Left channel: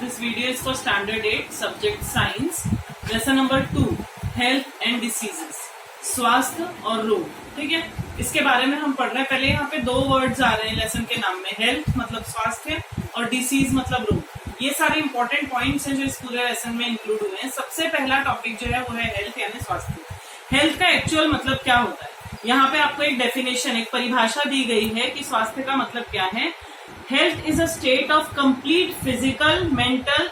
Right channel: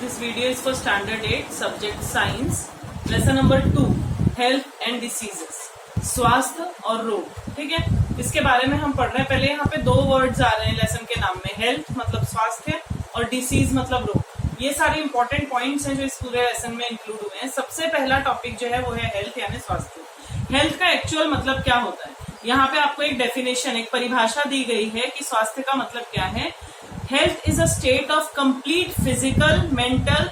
This video is for Standard 8 Subject Science, Lesson number 2 Health and Diseases, स्वास्थ्य और रोग। ठीक है, इसके बारे में हम पढ़ रहे हैं। पहले यहाँ पे दो वर्ड्स आ रहे हैं लेसन के नाम में, हेल्थ मतलब स्वास्थ्य और डिसीज मतलब रोग। ये सारे इंपॉर्टेंट पॉइंट्स हैं जो इस पूरे लेसन में इंक्लूड हुए हैं। सबसे पहला टॉपिक जो है वो है हेल्थ यानी स्वास्थ्य। हेल्थ का एक्चुअल मतलब क्या होता है, यहाँ पे आपको एक डेफिनेशन, एक परिभाषा दी गई है कि स्वास्थ्य का मतलब क्या है। Health is a state of complete physical, mental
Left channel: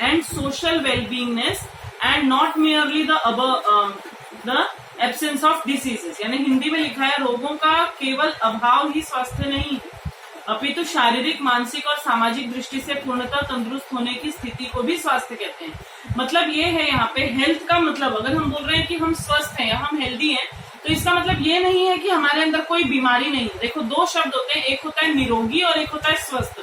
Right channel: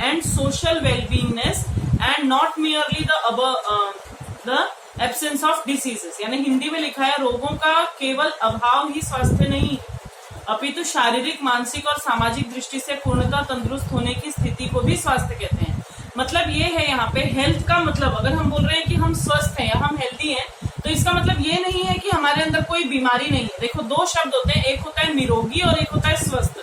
and social wellbeingness and not merely the absence of diseases. यानी हिंदी में लिखा है रोगों का केवल अभाव ही स्वास्थ्य नहीं है, अपितु शारीरिक, मानसिक और सामाजिक दृष्टि से पूर्णतः तंदुरुस्त होने की स्थिति को भी स्वास्थ्य कहते हैं। मतलब ये है यहाँ पे हेल्थ का मतलब, अगर हम बोल रहे हैं कि हम स्वस्थ हैं या हम हेल्दी हैं, तो इसका मतलब ये नहीं है कि हमारे अंदर कोई बीमारी नहीं है। देखो दो शब्द होते हैं, एक होता है निरोगी और एक होता है स्वस्थ।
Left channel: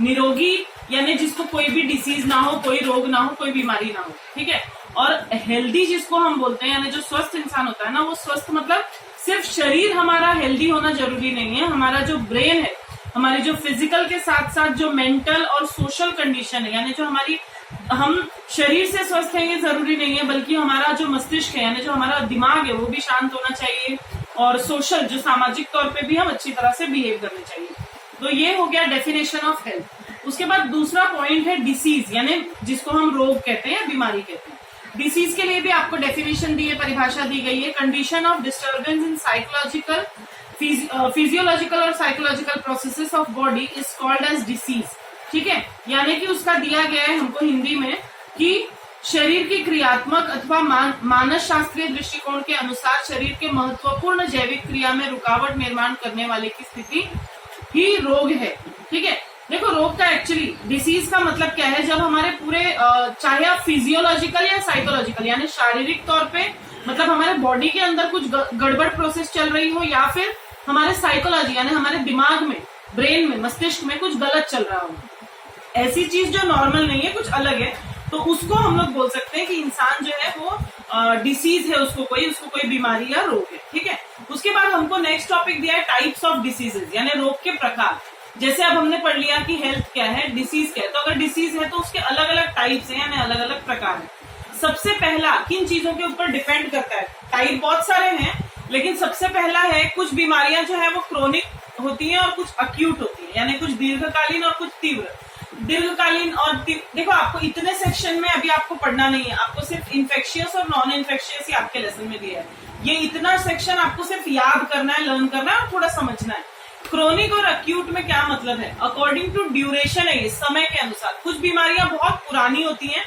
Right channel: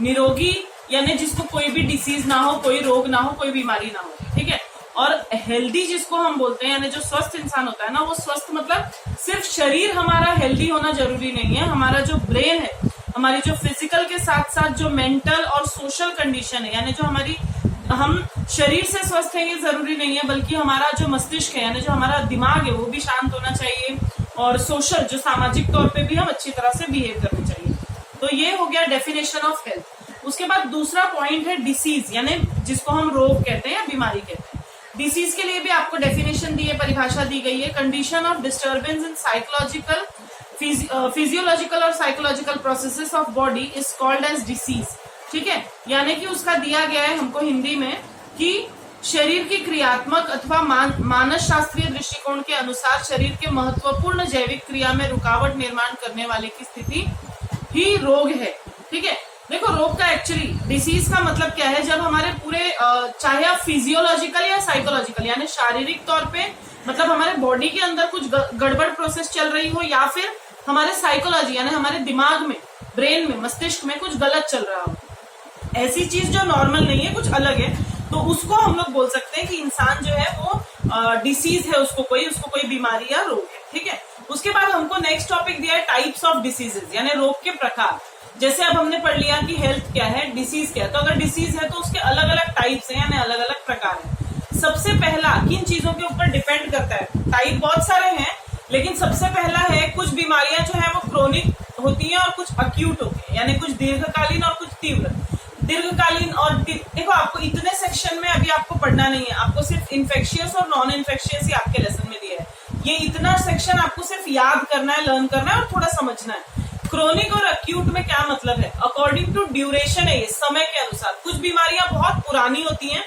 निरोगी यानी जिसको कोई भी डिसीज ना हो, कोई रोग ना हो, कोई बीमारी ना हो, ठीक है। और हेल्दी जिसको हम बोलते हैं, यानी जो स्वस्थ इंसान होता है ना, वो स्वस्थ मतलब सिर्फ शरीर हमारा हेल्दी होना जरूरी नहीं है, हमारा जो ब्रेन है, हमारी जो फिजिकल के साथ साथ जो मेंटल और सोशल कंडीशन है, यानी जो हमारी, हम शरीर से स्वस्थ है ये जरूरी नहीं है, बल्कि हमारा जो मस्तिष्क है यानी जो हमारा दिमाग है वो भी शांत होना चाहिए, और सोशल जो सामाजिक तौर पे भी हम अच्छी तरह से बिहेव करने चाहिए। तो ये हो गया डेफिनेशन ऑफ हेल्थ। उसके बाद दूसरा पॉइंट है डिसीज, यानी जिसको हम रोग कहते हैं या बीमारी कहते हैं। डिसीज के लिए भी आपको डेफिनेशन दी है, परिभाषा दी गई है। Condition of disturbance in psychological, physiological और psychological processes of body is called as disease. ठीक है, यानी कि उसका दिया गया है हमको हिंदी में कि शरीर की क्रियात्मक अथवा मानस शास्त्रीय दृष्टिकोण के अनुसार शरीर के महत्वपूर्ण जैविक क्रिया में रुकावट निर्माण करने वाले की स्थिति ही रोग है। ठीक है, देखो रोग का एक्चुअली, डिसीज का मतलब क्या है, जब हमारे पूरे चाहे आप फिजियोलॉजिकल या साइकोलॉजिकल यानी शारीरिक तौर पे, मतलब हमारे बॉडी के अंदर कुछ गड़बड़ प्रोसेस चल रही हो, या फिर हमारे साइकोलॉजी यानी हमारे दिमाग में, ब्रेन में, मस्तिष्क में कुछ गलत चल रहा हो, ऐसी चीज जो नॉर्मल नहीं है, कुछ अलग है, तो उसको हम लोग बोल सकते हैं कि इंसान जो है वो डिसीज है, उसको कोई बीमारी या रोग है। ठीक है, उसके बाद हमको नेक्स्ट टॉपिक दिया है टाइप्स ऑफ डिसीजेज, यानी रोग के प्रकार। जैसे अब हमने पढ़ लिया कि हेल्थ क्या है, डिसीज क्या है, तो अगर डिसीज है तो उसके अलग अलग टाइप्स हैं यानी अलग अलग प्रकार है। सबसे पहला किन चीजों के ऊपर डिपेंड करता है, टाइप बहुत सारे हैं, लेकिन सबसे पहला है कुछ बीमारियां जो है वो क्रोनिक होती हैं और कुछ अक्यूट होती हैं, यानी कुछ दीर्घकालीन और कुछ तीव्र। दीर्घकालीन और देखो आपको इतने सेक्शन में अभी आपको पढ़ना नहीं है, आपको सिर्फ इन्फेक्शियस और नॉन इन्फेक्शियस ही आपके लेसन में दिया है। ये इतना सेक्शन आपको सिर्फ याद करना है, लर्न करना है और थोड़ा समझना है। क्रोनिक और अक्यूट में क्या मतलब है, अकॉर्डिंग टू ड्यूरेशन है, ये समय के अनुसार। कुछ बीमारियां बहुत पुरानी होती हैं,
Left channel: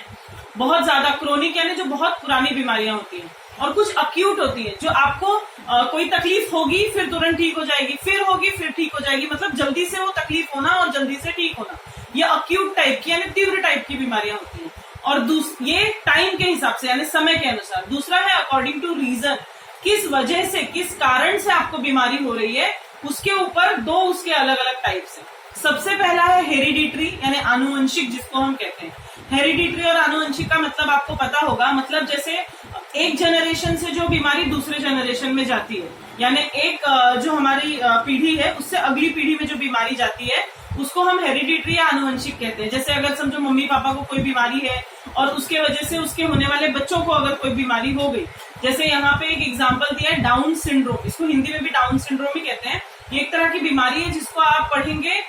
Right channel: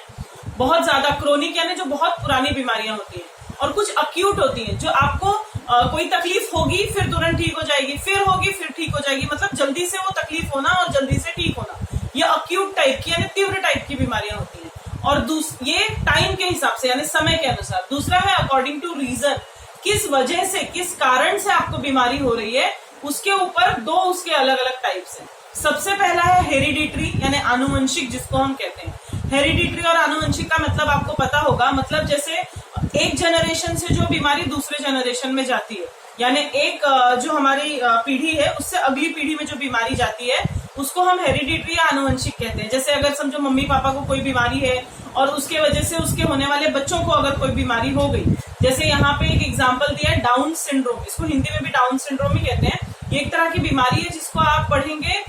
बहुत ज्यादा क्रोनिक यानी जो बहुत पुरानी बीमारियां होती हैं, और कुछ अक्यूट होती हैं जो आपको कोई तकलीफ होगी फिर तुरंत ठीक हो जाएगी, फिर होगी फिर ठीक हो जाएगी, मतलब जल्दी से वो तकलीफ होना और जल्दी से ठीक होना। ये अक्यूट टाइप की यानी तीव्र टाइप की बीमारियां होती हैं। और ये टाइम के हिसाब से यानी समय के अनुसार। दूसरा है अकॉर्डिंग टू रीजन, किस वजह से, किस कारण से आपको बीमारी हो रही है, उसके ऊपर दो उसके अलग अलग टाइप्स हैं। सबसे पहला है हेरिडिटरी यानी आनुवंशिक, जिसको हम कहते हैं। हेरिडिटरी और आनुवंशिक का मतलब आपको पता होगा, मतलब जैसे एक जनरेशन से जो बीमारी दूसरे जनरेशन में जाती है, यानी एक जो हमारी पीढ़ी है उससे अगली पीढ़ी में जो बीमारी जाती है उसको हम हेरिडिटरी या आनुवंशिक कहते हैं। जैसे अगर समझो मम्मी पापा को कोई बीमारी है और उसके वजह से उसके होने वाले बच्चों को अगर कोई बीमारी हो गई, जैसे यहाँ पे एक एग्जांपल दिया है डाउन सिंड्रोम, इसको हिंदी में भी डाउन सिंड्रोम ही कहते हैं। ये एक तरह की बीमारी है जिसको आप पढ़ेंगे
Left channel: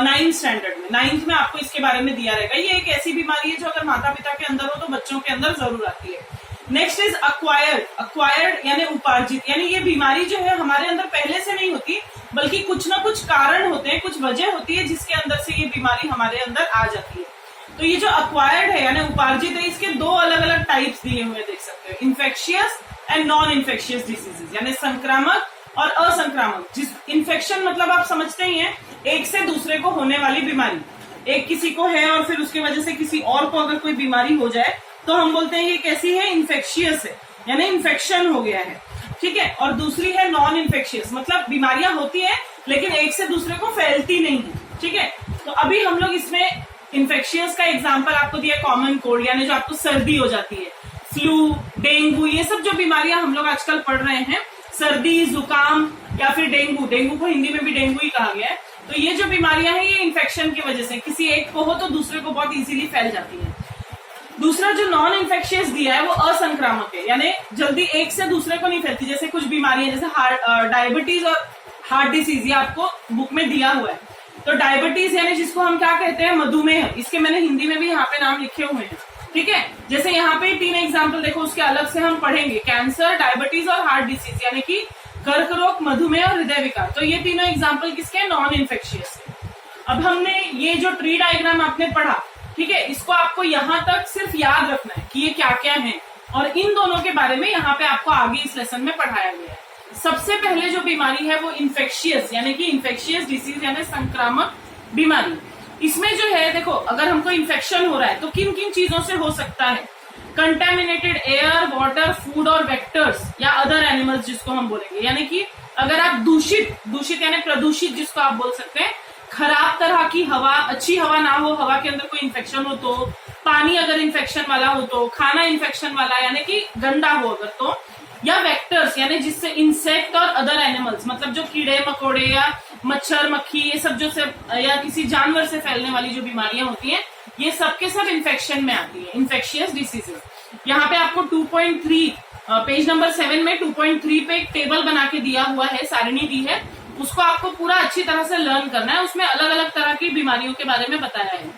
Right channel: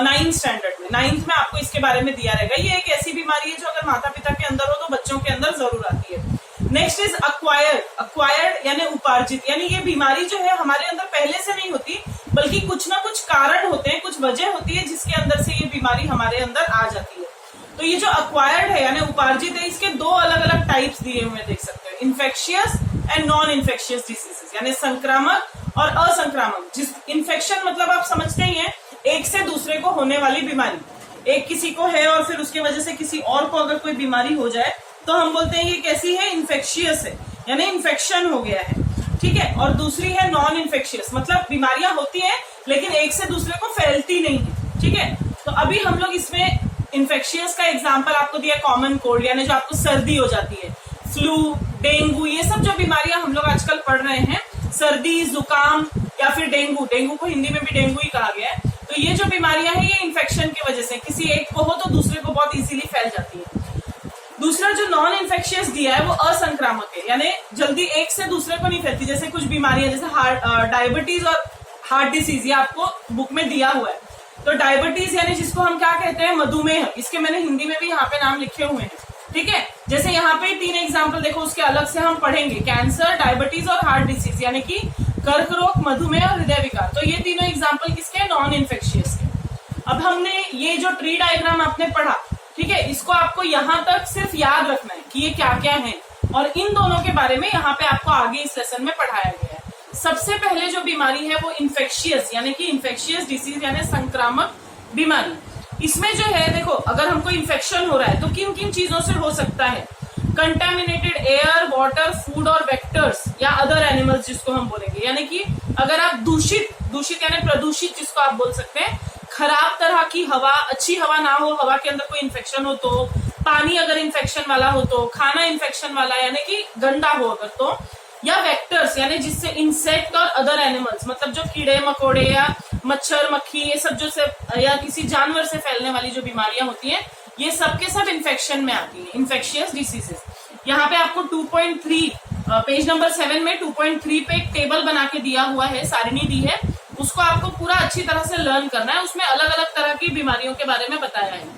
9th स्टैंडर्ड में, 9th में आपको इसके बारे में दिया रहेगा। ये एक ऐसी बीमारी है जो अगर माता पिता के अंदर हो तो बच्चों के अंदर जरूर आती है। नेक्स्ट इज अक्वायर्ड यानी उपार्जित, यानी ये बीमारी जो है हमारे अंदर पहले से नहीं होती, बल्कि कुछ ना कुछ कारण होते हैं, कुछ वजह होती है जिसके अंदर से ये बीमारी हमारे अंदर आ जाती है। तो ये जो अक्वायर्ड है यानी उपार्जित है, इसके दो अलग अलग टाइप्स दिए हुए देख सकते हो, infectious and non infectious diseases, यानी संक्रामक और असंक्रामक। जिस इन्फेक्शन मतलब आप समझते ही हैं, एक से दूसरे को होने वाली बीमारी। एक किसी को है और फिर उसके वजह से किसी और को अगर कोई बीमारी हो जाए तो हम बोलते हैं ये कैसी है, इन्फेक्शियस है, यानी इन्फेक्शन हो गया है। ठीक है, और दूसरी है नॉन इन्फेक्शियस, मतलब बीमारियां होती है लेकिन एक से दूसरे को फैलती नहीं है। ठीक है, तो अभी हम लोग इसमें इन्फेक्शियस का एग्जाम्पल आपको दिया कॉमन कोल्ड, यानी जो आपको सर्दी हो जाती है, फ्लू, डेंगू, ये सब जो बीमारियां हम लोग आजकल पढ़ रहे हैं, सर्दी, जुकाम या फिर डेंगू को हिंदी में भी डेंगू ही कहा गया है, तो ये जो बीमारियां हैं ये इन्फेक्शन की वजह से, किसी एक को हो तो दूसरे को बहुत इजीली फैल जाती है। दूसरा जो नॉन इन्फेक्शियस दिया है वो असंक्रामक है, यानी जल्दी एक से दूसरे को नहीं फैलती। जैसे कुछ बीमारियां जैसे डायबिटीज और हार्ट डिसीज, ये आपको बुक में दिया हुआ है। तो डायबिटीज यानी जिसको हम क्या कहते हैं, मधुमेह, इसके मैंने हिंदी में भी यहाँ पे नाम लिखे हुए हैं, ठीक है। जैसे यहाँ पे 3 एग्जाम्पल देखो, उसके अलग से हम पढ़ेंगे, कैंसर, डायबिटीज और हार्ट डिसीज, यानी कि कर्क रोग, मधुमेह और हृदय विकार। तो ये तीनों एग्जाम्पल किसके, नॉन इन्फेक्शियस के। अब हमने ये जो ट्री डायग्राम आपने पढ़ा, ठीक है, इसको आपको यहाँ तक सिर्फ याद रखना है कि ये क्या क्या है, और इन दोनों के बारे में यहाँ पे आपको आगे इस लेसन में पढ़ाया गया है। सबसे पहले जो बीमारी है वो इन्फेक्शियस, यानी कि इन्फेक्शियस डिसीज यानी संक्रामक बीमारी। इसमें जो है देखो, अगर हमको इन्फेक्शन हो रहा है तो किन किन चीजों से हो सकता है, कंटेमिनेटेड एयर, वाटर, फूड और वेक्टर्स या अदर एनिमल्स जिसको हम बोलेंगे, यानी कि अगर आप दूषित यानी प्रदूषित जिसको आप बोल सकते हैं, खराब तरह की हवा, अच्छी हवा ना हो, हवा के अंदर कोई इन्फेक्शन हो तो, पानी अगर इन्फेक्शन वाला हो तो, खाना इन्फेक्शन वाला यानी कि गंदा हो अगर तो, या वेक्टर्स यानी जिससे इंसेक्ट और अदर एनिमल्स, मतलब जो कीड़े मकोड़े या मच्छर मक्खी ये सब जो से या किसी जानवर से फैलने वाली जो बीमारियां होती हैं, ये सब के सब इन्फेक्शन में आती है, इन्फेक्शियस डिसीजेस। यहाँ पे आपको 2.3 पेज नंबर 7 में 2.3 पे एक टेबल बना के दिया हुआ है, सारणी दी है, उसको आपको पूरा अच्छी तरह से लर्न करना है। उसमें अलग अलग तरह की बीमारियों के बारे में बताया है।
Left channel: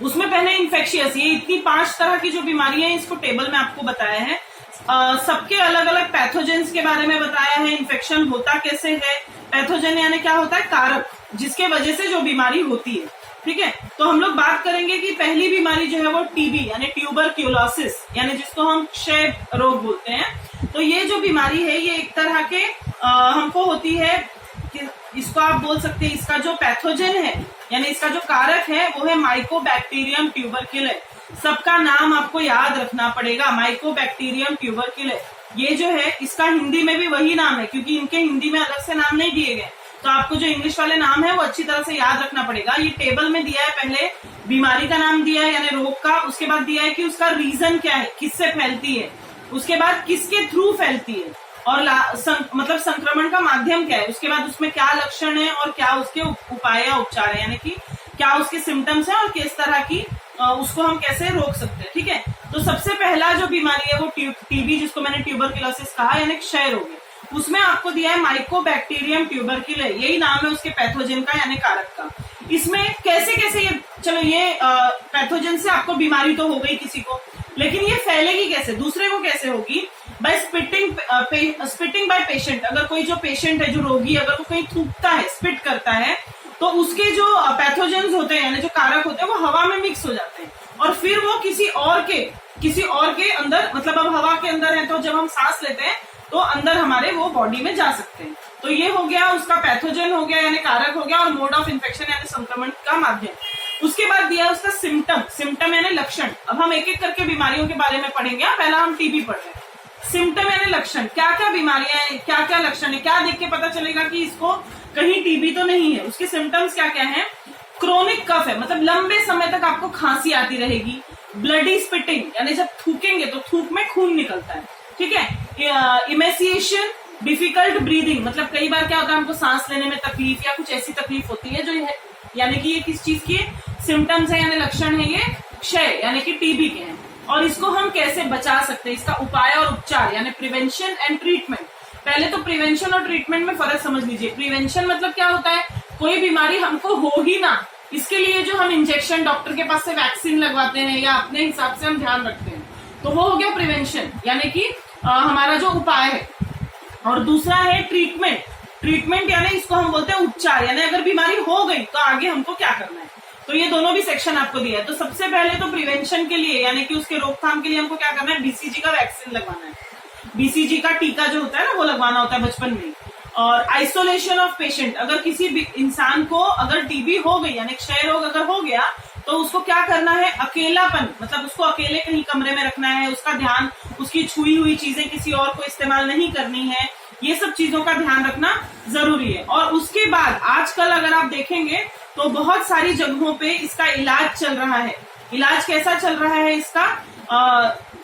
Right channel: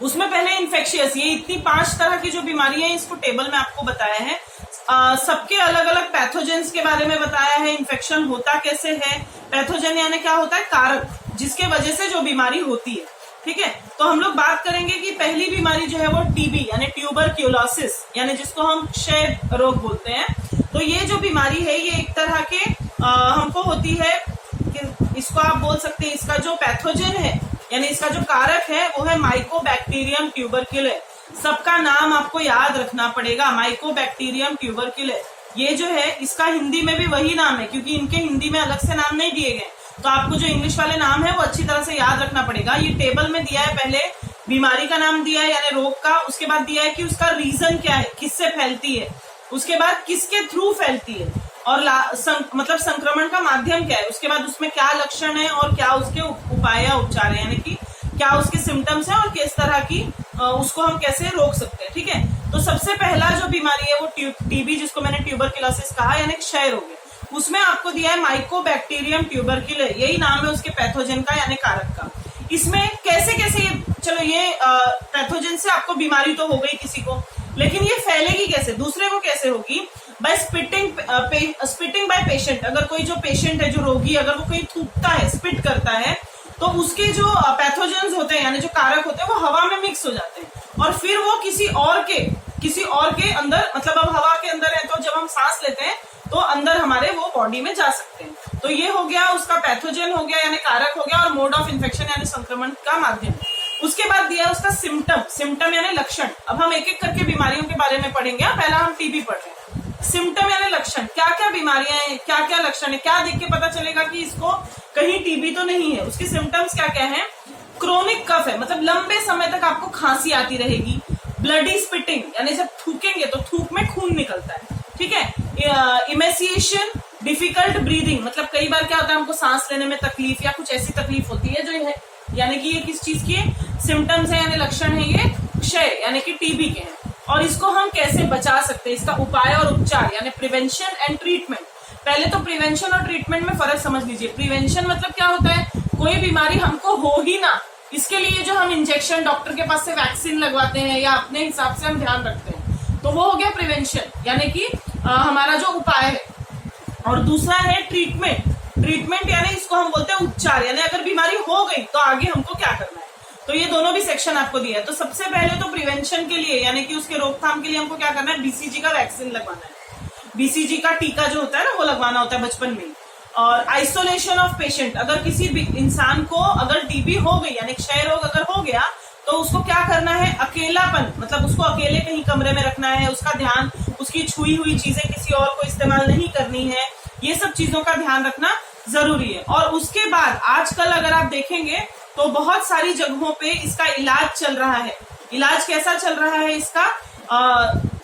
उसमें पहले इन्फेक्शियस, ये इतनी 5 तरह की जो बीमारियां हैं इसको टेबल में आपको बताया है। सबके अलग अलग पैथोजेंस के बारे में बताया है, इन्फेक्शन होता कैसे है, पैथोजन यानी क्या होता है, कारक जिसके वजह से जो बीमारी होती है, ठीक है। तो हम लोग बात करेंगे कि पहली बीमारी जो है वो टीबी यानी ट्यूबरक्यूलोसिस, यानी जिसको हम क्षय रोग बोलते हैं। तो ये जो बीमारी है ये एक तरह के हमको होती है, इसको आप बोल सकते हैं, इसका जो पैथोजन है यानी इसका जो कारक है वो है माइकोबैक्टीरियम ट्यूबरक्यूले। सबका नाम आपको याद रखना पड़ेगा, माइकोबैक्टीरियम ट्यूबरक्यूले। ये जो है इसका हिंदी में भी वही नाम है, क्योंकि इनके हिंदी में अलग से नाम नहीं दिए गए, तो आपको जो इंग्लिश वाले नाम है वो अच्छी तरह से याद रखना पड़ेगा। ये टेबल में दिया है, पहले बीमारी का नाम दिया है यानी रोग का, उसके बाद दिया है कि उसका रीजन क्या है, किससे फैलती है, उसके बाद किसके थ्रू फैलती है, और मतलब संक्रमण का माध्यम क्या है, उसके बाद उसमें क्या लक्षण है और क्या उसके उपाय या उपचार है, यानी कि क्या उसके सिम्टम्स हैं और किस तरह की उसको हम कैसे रोक सकते हैं, ठीक है। तो सबसे पहला जो बीमारी है वो टीबी, जिसको मैंने ट्यूबरक्यूलोसिस कहा, यानी क्षय रोग है। उसमें आपको दिया है माइकोबैक्टीरियम ट्यूबरक्यूले, यही नाम है उसके पैथोजन का यानी कारक का। इसमें कैसे कैसे ये, चलो ये पैथोजन से आपको बीमारी तो हो गई किसी को, लेकिन ये फैलेगी कैसे, दूसरे को कैसे होगी, बाय स्पिटिंग बाय पेशेंट। अगर कोई जो पेशेंट है, जो रोगी, अगर वो कहीं थूकता है, स्पिट करता है, तो उसके जो पैथोजेंस होते हैं यानी जो कारक होते हैं वो हवा में मिक्स हो जाते हैं, और फिर वो किसी और के अंदर, मतलब अब हवा के अंदर है तो जब हम सांस लेते हैं तो अंदर हमारे वो बॉडी में जा सकते हैं। तो ये हो गया उसका पैथोजन हो गया यानी कारक हो गया, और मोड ऑफ इन्फेक्शन यानी संक्रमण का माध्यम। उसके बाद दिया है उसका सिम्टम यानी लक्षण। अब हम एक एक करके बीमारियों के बारे में पढ़ेंगे, पहला हम टीबी पढ़ रहे हैं। सिम्टम यानी लक्षण, क्या क्या बीमारियां हैं, क्या क्या लक्षण है, क्या देख के पता चलेगा कि इसको कहीं टीबी तो नहीं है। उसके सिम्टम्स क्या क्या है, क्रोनिक कफ है, मतलब लंबे समय तक आपको खांसी आती रहेगी, ब्लडी स्पिटिंग यानी जब थूकेंगे तो थूक में खून निकलता है, ठीक है। इमेसिएशन, डिफिकल्ट ब्रीदिंग, मतलब कई बार क्या होता है हमको सांस लेने में तकलीफ या कुछ ऐसी तकलीफ होती है जो है, यानी कि ये किस चीज की सिम्टम्स है यानी लक्षण है, ये क्षय यानी कि टीबी के हैं। और इसको हम कैसे बचा सकते हैं, इसका उपाय और उपचार यानी प्रिवेंशन एंड ट्रीटमेंट। पहले तो प्रिवेंशन और ट्रीटमेंट में फर्क समझ लीजिए। प्रिवेंशन मतलब क्या होता है, कोई बीमारी हमको हो ही ना, इसके लिए जो हम इंजेक्शन डॉक्टर के पास से वैक्सीन लगवाते हैं या अपने हिसाब से हम ध्यान रखते हैं, तो वो हो गया प्रिवेंशन यानी कि हमारा जो उपाय है। और दूसरा है ट्रीटमेंट यानी इसको हम बोलते हैं उपचार, यानी अगर बीमारी हो गई तो आगे हमको क्या करना है। तो ये दोनों भी सेक्शन आपको दिया है। तो सबसे पहले तो प्रिवेंशन के लिए यानी कि उसके रोकथाम के लिए हमको क्या करना है, बीसीजी का वैक्सीन लगवाना है, बीसीजी का टीका जो होता है ना वो लगवाना होता है बचपन में। और आइसोलेशन ऑफ पेशेंट, अगर किसी इंसान को अगर टीबी हो गई यानी क्षय रोग अगर हो गया तो उसको क्या करना है, अकेलापन, मतलब उसको अकेले कहीं कमरे में रखना है, उसका ध्यान, उसकी छुई हुई चीजें किसी और को इस्तेमाल नहीं करनी है, ये सब चीजों का ध्यान रखना जरूरी है। और उसके बाद आजकल अगर आप देखेंगे तो बहुत सारी जगहों पे इसका इलाज चल रहा है। इलाज कैसा चल रहा है इसका,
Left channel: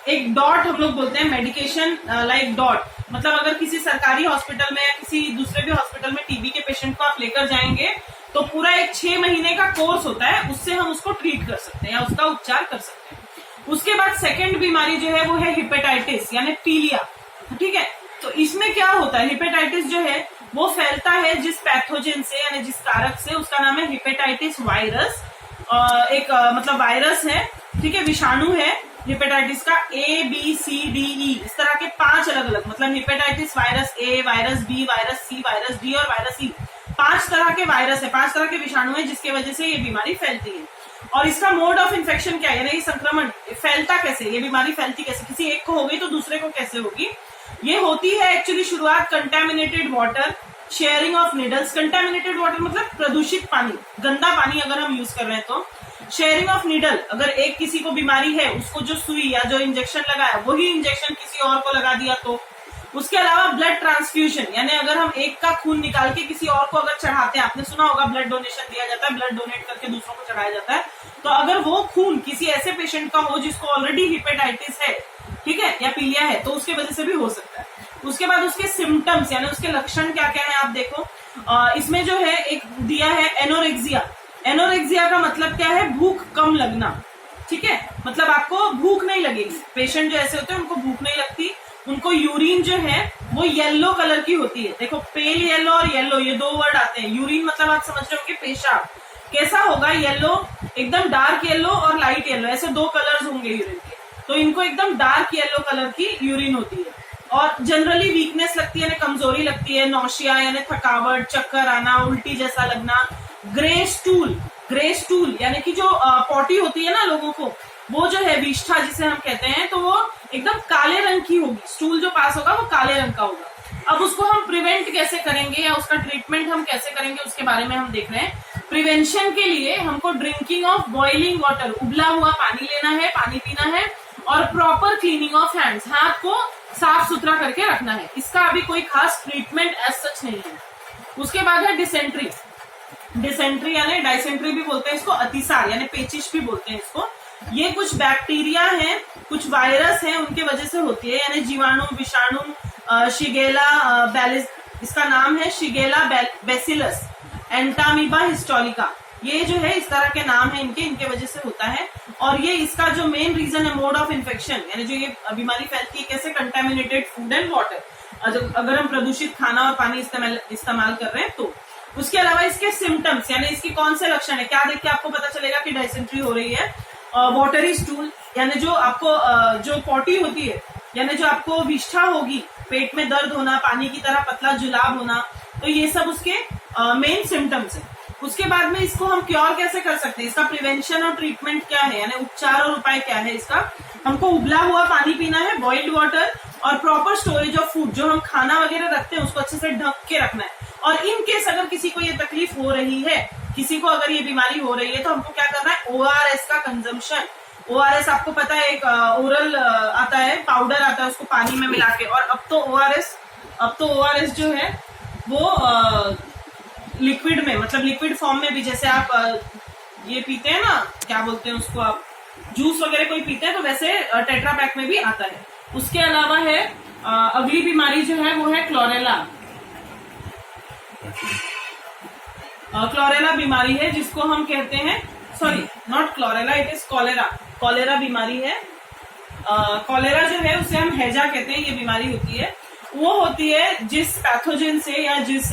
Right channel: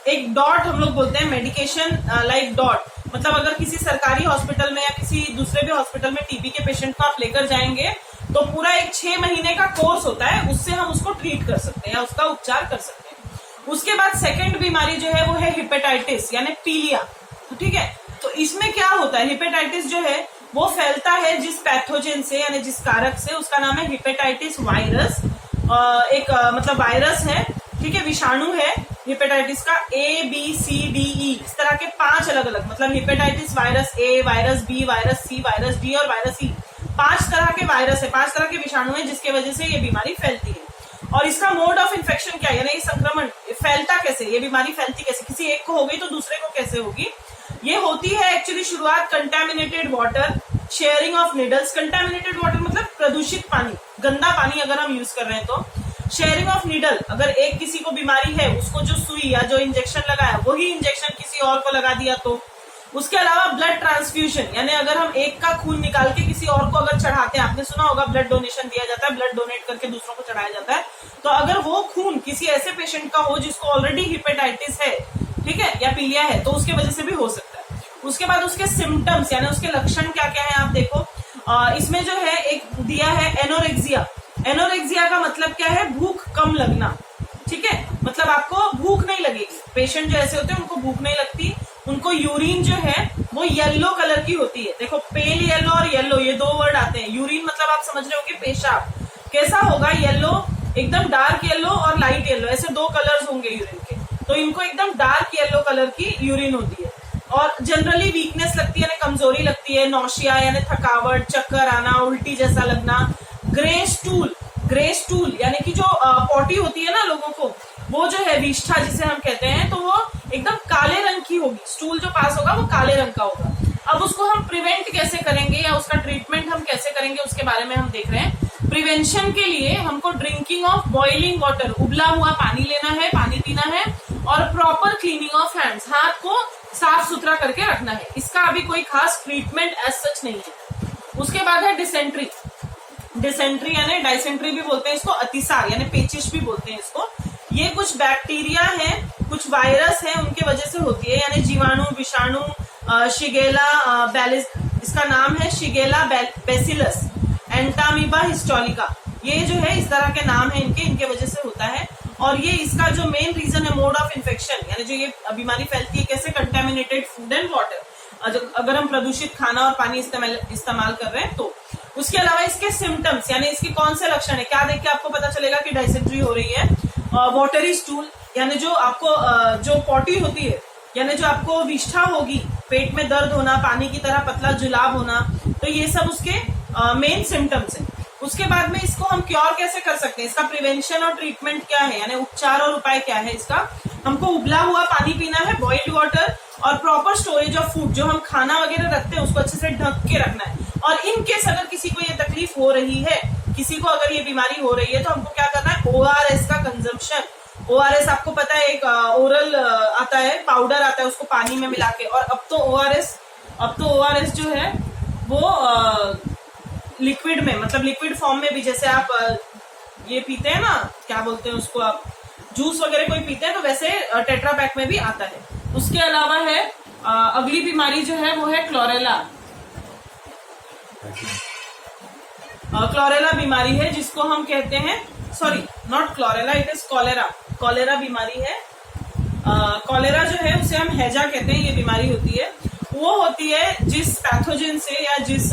एक डॉट हम लोग बोलते हैं, मेडिकेशन लाइक डॉट, मतलब अगर किसी सरकारी हॉस्पिटल में या किसी दूसरे भी हॉस्पिटल में टीबी के पेशेंट को आप लेकर जाएंगे तो पूरा एक 6 महीने का कोर्स होता है, उससे हम उसको ट्रीट कर सकते हैं या उसका उपचार कर सकते हैं। उसके बाद सेकंड बीमारी जो है वो है हिपेटाइटिस यानी पीलिया, ठीक है। तो इसमें क्या होता है, हिपेटाइटिस जो है वो फैलता है जिस पैथोजन से यानी जिस कारक से, उसका नाम है हिपेटाइटिस वायरस। एक मतलब वायरस है, ठीक है, विषाणु है हिपेटाइटिस का ABCDE, इस तरह के 5 अलग अलग, मतलब hepatitis virus A, virus B, virus C, virus D और वायरस E, 5 तरह के वायरस है, 5 तरह के विषाणु है जिसके वजह से ये बीमारी फैलती है। और इसका मोड ऑफ इन्फेक्शन क्या है, यानी संक्रमण फैलता कैसे, ये बीमारी फैलती कैसे, किसी एक को हो गई तो दूसरे को कैसे होगी। ये होती है एक्चुअली शुरुआत contaminated water, sharing of needles. Contaminated water मतलब प्रदूषित पानी, गंदा पानी अगर हम यूज कर रहे हैं तो। शेयरिंग ऑफ नीडल, अगर एक किसी को बीमारी है उसको जो सुई या जो इंजेक्शन लगाया वही इंजेक्शन किसी और को लगा दिया तो। उसके अलावा ब्लड ट्रांसफ्यूजन, यानी अगर हम एक का खून निकाल के किसी और को अगर चढ़ाते हैं, आपने सुना होगा ब्लड डोनेशन दिया जाता है, ब्लड डोनेट करके दूसरों को चढ़ाया जाता है, तो अगर वो खून किसी ऐसे पेशेंट का हो जिसको ऑलरेडी हिपेटाइटिस है, ठीक है, या पीलिया है, तो उसके वजह से भी हो सकता है। उसके बाद उसके सिम्टम्स यानी उसके लक्षण क्या क्या है आप देखो। इसमें जो है एक दिया है एनोरेक्सिया। एनोरेक्सिया का मतलब क्या है, भूख कम लगना, ठीक है, मतलब आपको भूख नहीं लगेगी। पेशेंट जो ऐसे होते हैं उनको भूख नहीं लगती, उनको यूरिन जो है वो येलो कलर की होती है। देखो पेल येलो और येलो, ये 2 वर्ड आते हैं। यूरिन मतलब आप समझ रहे होंगे पेशाब, कैसा होगा, येलो, एकदम डार्क येलो और लाइट येलो, ऐसे 2 कलर्स होंगे यूरिन के। तो इनको एकदम डार्क येलो कलर की यूरिन होती है। और जनरली वीकनेस लगती है, यानी कमजोरी लगती है, नौशिया यानी थकावट, चक्कर आना, उल्टी जैसा लगना। ग्रे स्टूल, ग्रे स्टूल यानी कि जो पॉटी होती है ना लोगों को, वो जो है विष्ठा जिसे हम कहते हैं, तो वो एकदम काले रंग की होगी, स्टूल जो पास होगा वो काले रंग का होगा। अब उसको हम प्रिवेंट कैसे करेंगे या उसका ट्रीटमेंट हम कैसे करेंगे उसके बारे में हम देख रहे हैं। प्रिवेंशन के लिए हमको ड्रिंकिंग ऑफ बॉइलिंग वाटर, उबला हुआ पानी लेना है, पानी पीना है, और प्रॉपर क्लीनिंग ऑफ हैंड्स, हाथ को साफ सुथरा करके रखना है। इसका अभी कोई खास ट्रीटमेंट एज सच नहीं है। उसके बाद है डिसेंट्री। डिसेंट्री यानी डाइसेंट्री भी बोलते हैं इसको, अतिसार यानी पेचिश भी बोलते हैं इसको। ये कुछ बैक्टीरिया है, कुछ वायरस है, उनके वजह से होती है, यानी जीवाणु, विषाणु, शिगेला बैलिस, इसका नाम है शिगेला बेसिलस, एंटामीबा हिस्टोलिका, ये जो है इस तरह के नाम है इनके वजह से होता है। और ये इसका जो मेन रीजन है मोड ऑफ इन्फेक्शन, यानी जो ये बीमारी फैलती है कैसे, कंटेमिनेटेड फूड एंड वाटर, अगर हम प्रदूषित खाना और पानी इस्तेमाल कर रहे हैं तो। उसके अलावा इसके सिम्टम्स यानी इसके कौन से लक्षण है, क्या देख के आपको पता चलेगा कि डाइसेंट्री हो रही है। वाटरी स्टूल यानी जो आपको जो पॉटी होती है, यानी जो आपको विष्ठा होगी, पेट में दर्द होना, पानी की तरह पतला जुलाब होना, तो ये सब उसके मेन सिम्टम्स है। उसके बाद में इसको हम क्योर कैसे कर सकते हैं, इसका प्रिवेंशन और ट्रीटमेंट क्या है, यानी उपचार और उपाय क्या है इसका। हमको उबला हुआ पानी पीना है, बॉइल्ड वाटर, और प्रॉपर स्टोरेज ऑफ फूड, जो हम खाना वगैरह रखते हैं उसको अच्छे से ढक के रखना है। और इन केस अगर किसी को ये तकलीफ हो रही है, किसी को अगर ये बीमारी हो रही है, तो हमको क्या करना है, ORS का कंजम्पशन। ORS आपको पता है एक ओरल आता है, पाउडर आता है, उसको पानी में मिला के। और अब तो ORS जो है वो लिक्विड में, मतलब लिक्विड फॉर्म में भी, जैसे आप ये पीते हैं ना, क्या बोलते हैं उसको, आप जूस वगैरह कोई पीते हैं तो वैसे टेट्रा पैक में भी आता है। उसके अलावा है अगली बीमारी जो है वो है क्लोरेला। क्लोरेला बीमारी है जिसको हम कहते हैं, sorry not chlorella, it is cholera. Cholera बीमारी है। कॉलेरा जो है उसे हम हैजा कहते हैं, ये बीमारी होती है। वो होती है जिस पैथोजन से या जिस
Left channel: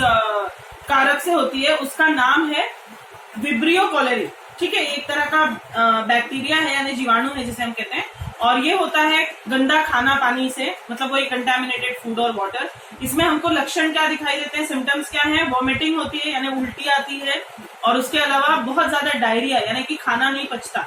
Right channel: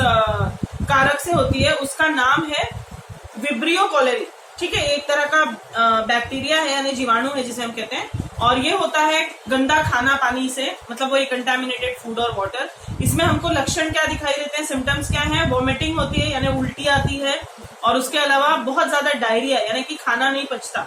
कारक से होती है, उसका नाम है विब्रियो कॉलेरी, ठीक है। एक तरह का बैक्टीरिया है यानी जीवाणु है जिसे हम कहते हैं, और ये होता है गंदा खाना पानी से, मतलब वही कंटेमिनेटेड फूड और वाटर। इसमें हमको लक्षण क्या दिखाई देते हैं, सिम्टम्स क्या हैं, वॉमिटिंग होती है यानी उल्टी आती है, और उसके अलावा बहुत ज्यादा डायरिया यानी कि खाना नहीं पचता।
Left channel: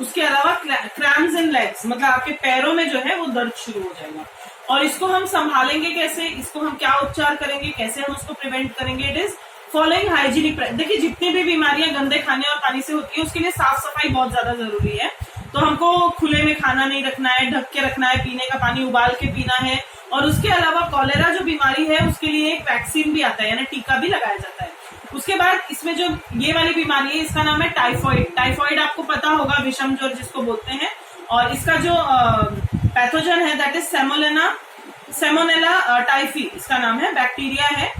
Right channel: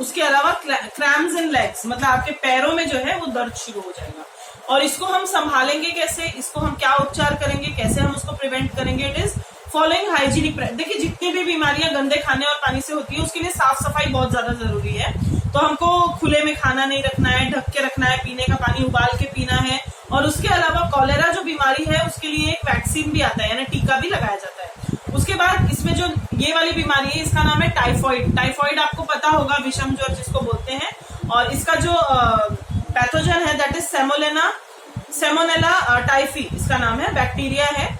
उसके अलावा क्रैम्स इन लेग्स, मतलब आपके पैरों में जो है वो दर्द शुरू हो जाएगा। और इसको हम संभालेंगे कैसे, इसको हम क्या उपचार करेंगे, कैसे हम उसको प्रिवेंट करेंगे, इट इज फॉलोइंग हाइजीनिक। देखिए जितनी भी बीमारियां गंदे खाने और पानी से होती है उसके लिए साफ सफाई बहुत ज्यादा जरूरी है। तो हमको खुले में खाना नहीं रखना है, ढक के रखना है, पीने का पानी उबाल के पीना है। और उसके अलावा कॉलेरा जो बीमारी है उसके लिए एक वैक्सीन भी आता है यानी टीका भी लगाया जाता है। उसके बाद इसमें जो ये वाली बीमारी है इसका नाम है टाइफॉइड। टाइफॉइड आपको पता होगा, विषम ज्वर जिसको बोलते हैं। और इसका जो पैथोजन है दैट इज सेमोनेला टाइफी, इसका नाम है, बैक्टीरिया है।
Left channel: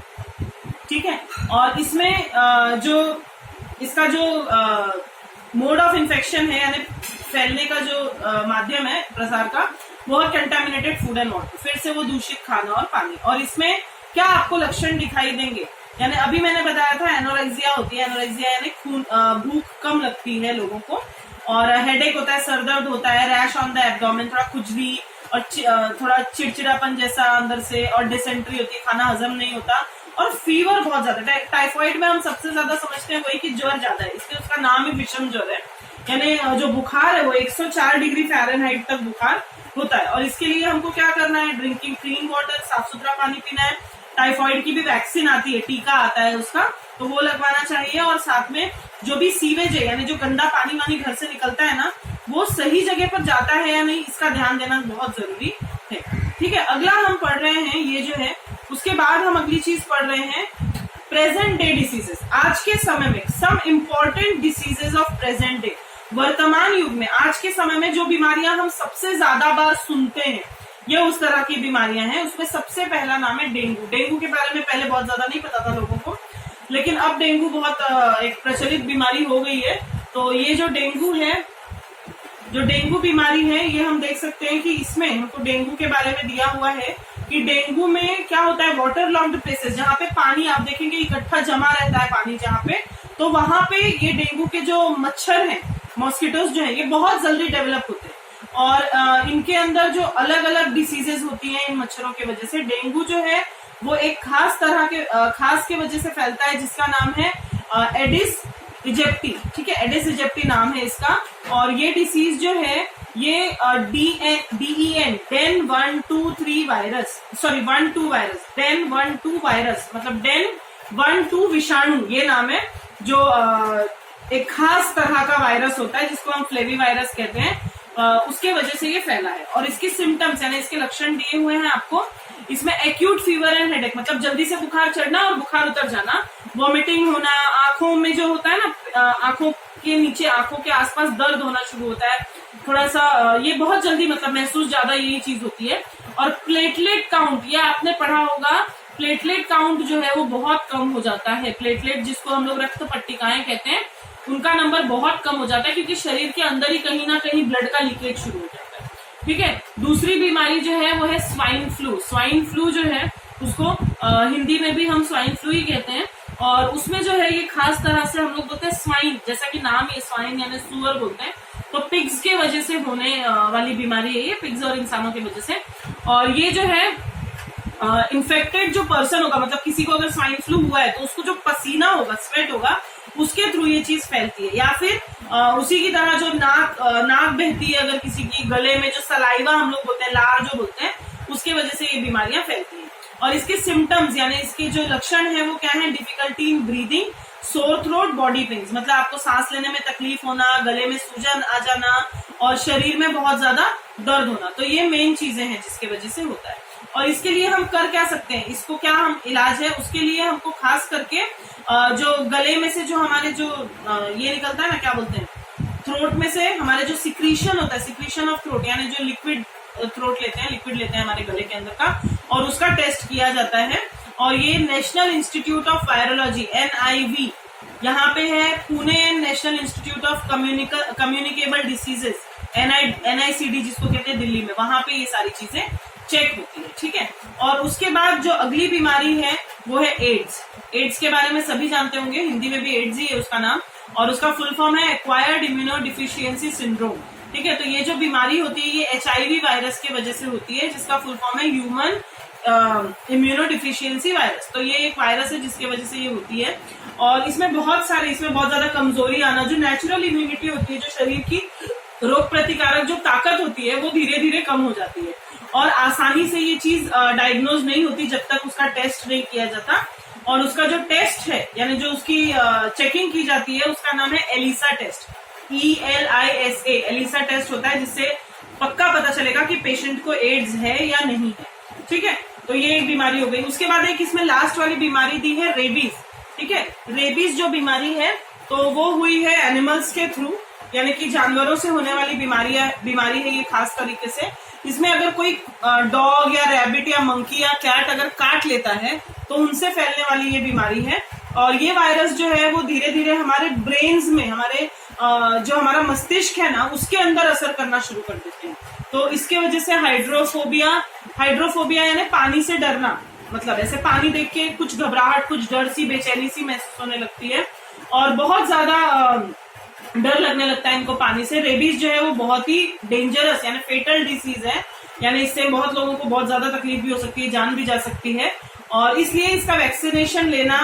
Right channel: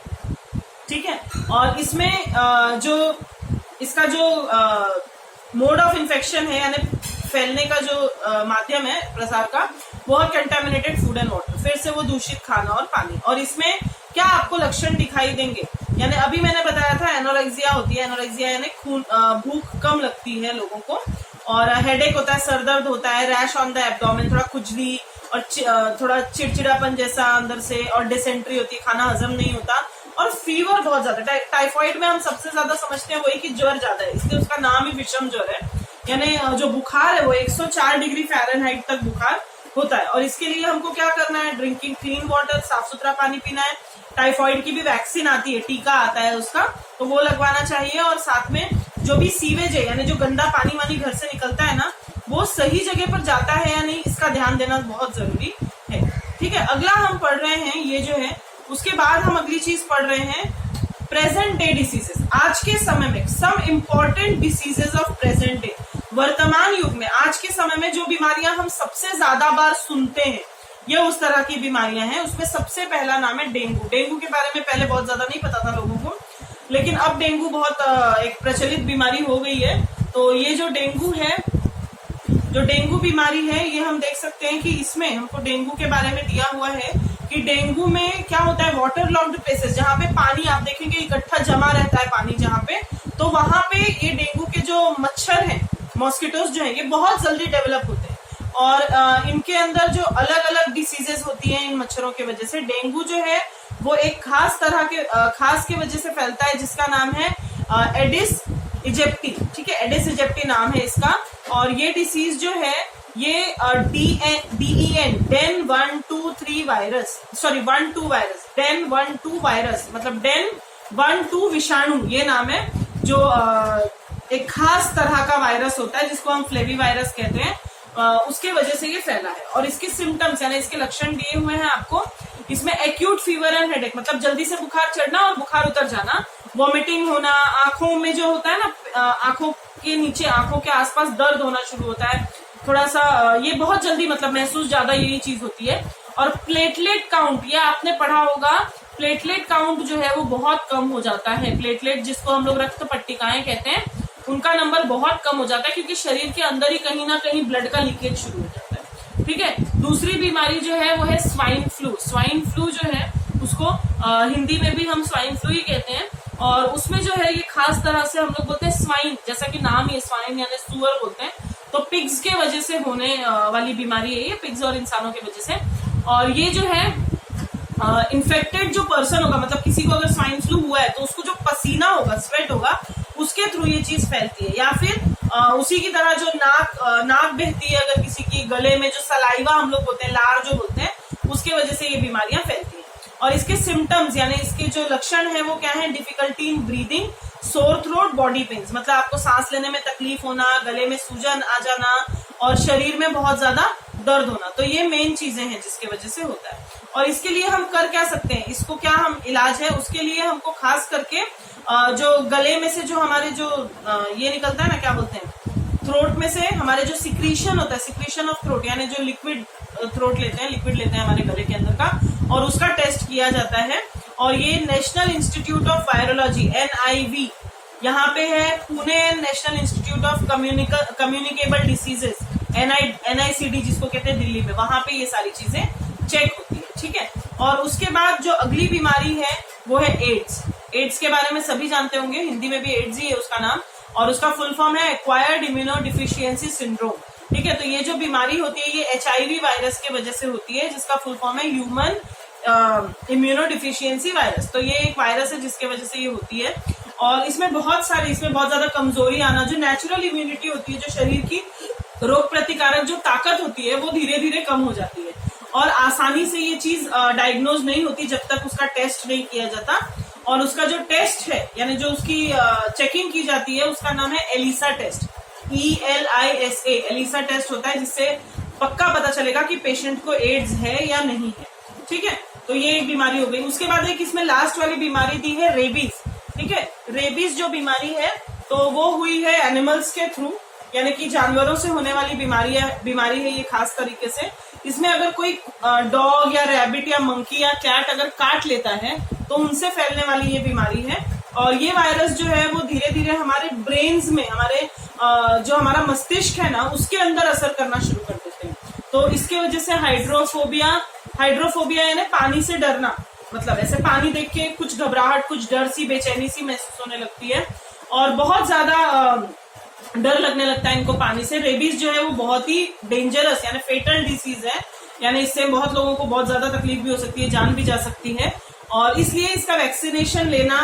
ठीक है। और इसमें जो इसका जो मोड ऑफ इन्फेक्शन है यानी फैलने का जो माध्यम है प्रसार का, वो है कंटेमिनेटेड फूड एंड वाटर, फिर से वो दूषित खाना और पानी। और इसमें क्या आपको लक्षण दिखाई देंगे, यानी अभी मैंने बताया था एनोरेक्सिया होती है, एनोरेक्सिया यानी भूख कम लगती है लोगों को, और हेडेक होता है, सरदर्द होता है, रैश ऑन द एब्डोमेन, थोड़ा खुजली और थोड़ा चिड़चिड़ापन जैसा अंदर से, और डिसेंट्री होती है, खाना हजम नहीं होता, और फीवर बहुत ज्यादा। टाइफाइड में हम सबसे ज्यादा समझते हैं वही कि ज्वर ज्यादा है, इसलिए उसका नाम ही विषम ज्वर है, यानी जो बुखार है वो 104 डिग्री फ़ारेनहाइट तक बुखार होता है। और इसके लिए हमको क्या करना है, ड्रिंकिंग क्लीन वाटर, साफ सुथरा पानी पीना है। टाइफाइड की भी वैक्सीन आती है, टीका आता है उसका, तो वो लगवाना चाहिए। और साथ में जो भी सीवेज है यानी जो गंदा पानी वानी घर से निकलता है ना, वो सही जगह पर जाता है या नहीं, इसका ध्यान देना बहुत जरूरी है। ठीक है, अगला हम पढ़ रहे हैं ये जो है, उसके बाद हम अगली चीज पढ़ रहे हैं प्रेजेंट डे डिसीजेस। आज के समय में some important diseases of present day, वर्तमान युग में आज के समय में जो बीमारियां हम सबसे ज्यादा बार सुनते हैं, ये उस तरह की बीमारियां हैं। उसमें सबसे पहला नाम है डेंगू। डेंगू के बारे में पहले बहुत ज्यादा नहीं पता था लोगों को, लेकिन अब डेंगू बहुत एक प्रचलित बीमारी हो गई है। तो ये जो डेंगू है, जो डेंगू बीमारी है, ये हम देख सकते हैं कि इसमें हमको डेंगू के बारे में दिया हुआ है कि डेंगू में क्या होता है, वाटर लॉक्ड प्लेसेस, जहाँ पे पानी आप देखेंगे इकट्ठा जमा रहता है पानी जहाँ पे, तो वहां पे ये डेंगू के जो मच्छर हैं, मॉस्किटोज जो है, ये बहुत जल्दी डेवलप होते हैं। और इनके अंदर जो अलग अलग डिसीजेस होती हैं इन मच्छरों के वजह से, डेंगू जो है वो एक खास तरह के खास के वजह से फैलता है, जिसका नाम है एडिस इजिप्टी। ठीक है, एडिस इजिप्टी नाम है इसका। और ये डिसीज जो है ये DEN DEN 1-2-3 virus, sorry 1-2 virus, DEN 1-2 virus मतलब डेन 1-2 विषाणु, ये नाम है, जो एक खास तरह का वायरस होता है जिसको हम फ्लेवी वायरस कहते हैं, उसके वजह से ये फैला है। और इसके सिम्टम्स यानी इसके लक्षण दिए हुए हैं आपको। इसमें एक्यूट फीवर एंड हेडेक मतलब जल्दी से बुखार चढ़ना और बुखार उतर जाना, वॉमिटिंग होना, आंखों में जो होता है ना, आंखों के नीचे, आंखों के आसपास दर्द होना शुरू होता है थोड़ा सा, ये बहुत जल्दी मतलब महसूस ज्यादा ये चीज होती है। और प्लेटलेट काउंट, ये आपने पढ़ा होगा, प्लेटलेट काउंट जो है वो बहुत कम हो जाता है। प्लेटलेट जिसको हम लोग रक्त पट्टिकाएं कहते हैं, उनका नंबर बहुत कम हो जाता है, क्योंकि शरीर के अंदर ही कहीं ना कहीं ब्लड का लीकेज शुरू हो जाता है। ठीक है, दूसरी बीमारी जो है वो है स्वाइन फ्लू। स्वाइन फ्लू जो है उसको हिंदी में भी हम स्वाइन फ्लू ही कहते हैं। और उसमें जो है ये खास तरह से हम लोग बोलते हैं स्वाइन, जैसा कि नाम ये स्वाइन यानी सुअर बोलते हैं, तो पिग्स के वजह से होने वाली बीमारी है ये, पिग्स और इंसानों की वजह से। और ये जो है इन्फेक्टेड जो पर्सन होगा, मतलब किसी को अगर स्वाइन फ्लू हुआ है तो उसको जो पसीना होगा, स्वेट होगा, उसके थ्रू ये चीज फैलती है। या फिर उसी की तरह जो नाक बहती है अगर किसी की, गले में जो सलाइवा हम लोग बोलते हैं, लार जो बोलते हैं, उसके वजह से ये बीमारियां फैलती हैं। और इसके सिम्टम्स यानी इसके जो लक्षण है वो क्या है, difficulty in breathing, sore throat, body pens मतलब आपको सांस लेने में तकलीफ होना, गले में सूजन आ जाना और शरीर में बहुत ज्यादा दर्द होना। तो ये मेन चीजें हैं जिसके वजह से होता है। और इसके लिए हम कर क्या सकते हैं, इसको क्या हम इलाज है, उसके लिए हमको खास करके जो गले में से जो हमारे जो ये निकलता है ना, क्या बोलते हैं, थ्रोट में से हमारे जो सिक्रीशन होता है, सिक्रीशन ऑफ थ्रोट यानी जो लिक्विड थ्रोट लेते हैं, लिक्विड लेते हैं हमारे गले के अंदर का, और उसका टेस्ट किया जाता है। और ये national institute of virology NIV यहाँ पे है, Pune national institute of communicable diseases NICD जिसको कहते हैं दिल्ली में, वहां पे ये सारी चीजें चेक होती है। ठीक है, और उसके बाद जो अगली बीमारी है वो है एड्स। एड्स के बारे में सभी जानते होंगे, हिंदी में भी एड्स ही है उसका नाम, और उसका फुल फॉर्म है एक्वायर्ड इम्यूनोडिफिशियेंसी सिंड्रोम। ठीक है, तो ये जो बीमारी होती है ये HIV वायरस के वजह से होती है, जिसका फुल फॉर्म है ह्यूमन इम्यूनोडिफिशियेंसी वायरस। तो ये एक वायरस है जिसके वजह से ये होती है। और इसमें बहुत ज्यादा कमजोरी आना, जो नेचुरल इम्यूनिटी होती है, जो शरीर की रोग प्रतिकारक जो ताकत होती है वो धीरे धीरे कम हो जाती है, और आसानी से ये चीज डायग्नोज नहीं होती जब तक उसका टेस्ट नहीं किया जाता। और उसका जो टेस्ट है यानी जो उसकी चेकिंग की जाती है उसका नाम है ELISA test, ELISA, ELISA test होता है, जिससे पक्का पता चलेगा कि पेशेंट को एड्स है या नहीं है। ठीक है, तो ये एक बीमारी हो गई। उसके बाद एक इसमें लास्ट वाली बीमारी दी है रेबीज। ठीक है, रेबीज जो बीमारी है तो वो हुई है एनिमल्स के थ्रू, यानी कि जानवरों से होने वाली बीमारी है ये खास तरीके से। इसमें अगर कोई डॉग या रैबिट या मंकी या कैट अगर काट लेता है तो उनसे फैलने वाली ये बीमारी है। और ये वायरस जो है वो धीरे धीरे हमारे ब्रेन्स में, हमारे जो हमारा मस्तिष्क है ना, उसके अंदर असर करना शुरू कर देते हैं। तो इसके वजह से हाइड्रोफोबिया यानी पानी से डरना, मतलब ऐसे पानी देख के कुछ घबराहट, कुछ डर सी, बेचैनी सी महसूस होने लगती है और बहुत ज्यादा डर लगने लगता है इनको पानी से। रेबीज जो है वो बहुत ही डेंजरस यानी फेटल डिसीज है, यानी इससे बहुत लोगों को बहुत ज्यादा तकलीफ भी हो सकती है, जान भी जा सकती है। और इसलिए इसका वैक्सीनेशन लेना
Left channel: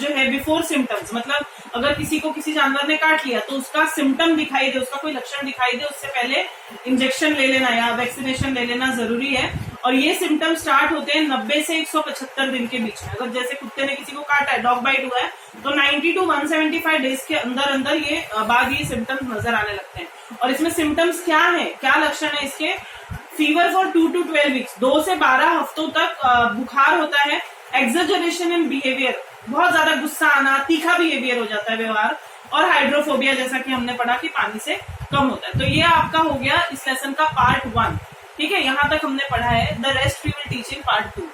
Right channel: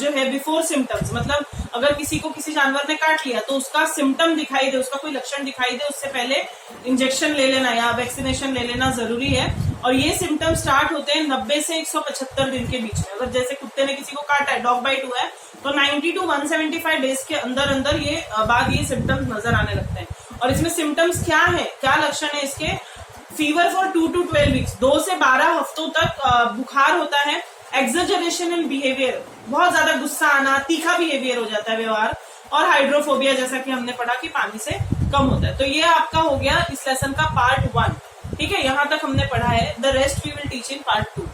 जो है बिफोर सिम्टम्स, मतलब अगर किसी को किसी जानवर ने काट लिया तो उसका सिम्टम दिखाई दे, उसका कोई लक्षण दिखाई दे, उससे पहले इंजेक्शन ले लेना या वैक्सीनेशन ले लेना जरूरी है। और ये सिम्टम स्टार्ट होते हैं 90 से 175 दिन के बीच में। अगर जैसे कुत्ते ने किसी को काटा है, डॉग बाइट हुआ है, तो 90 टू 175 डेज के अंदर अंदर ये सिम्टम्स नजर आने लगते हैं। और इसमें सिम्टम्स क्या है, क्या लक्षण है इसके? फीवर फॉर 2 to 12 वीक्स, 2 से 12 हफ्तों तक बुखार होता है। एक्सजरेशन इन बिहेवियर, बहुत ज्यादा गुस्सा आना, तीखा बिहेवियर हो जाता है व्यवहार। और हाइड्रोफोबिया, जैसा कि हमने पढ़ा कि पानी से कम होता है। तो ये आपका हो गया इस लेसन का पार्ट 1। ठीक है, यहां तक हमने पढ़ा है। The rest we will teach in part 2।